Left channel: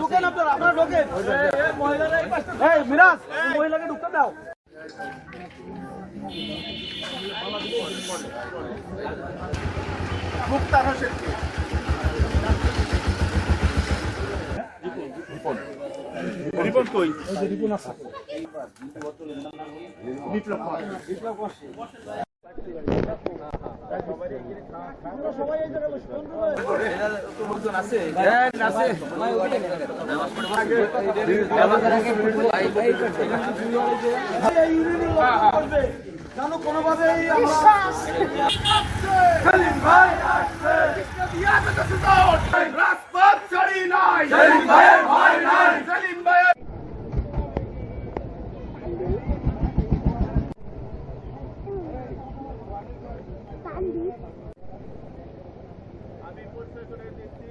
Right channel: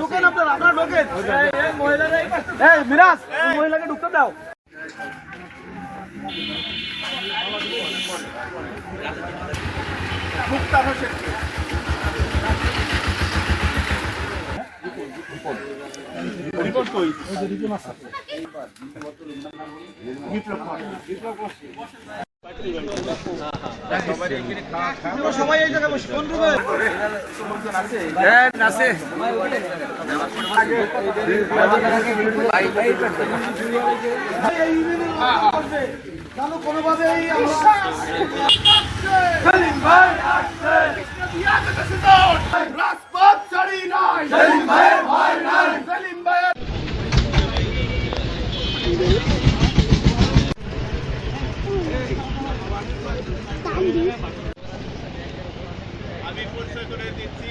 ঢুকেন আপনারা আপনারা ঢোকেন এই মিরাজ মহিলাকে ঢুকতে দাও রিপোর্ট। কই? সবাই এই জায়গায় বসে কোন রুমে জানো কোনোভাবেই আমরা আমি পরিচয় করে দিচ্ছি।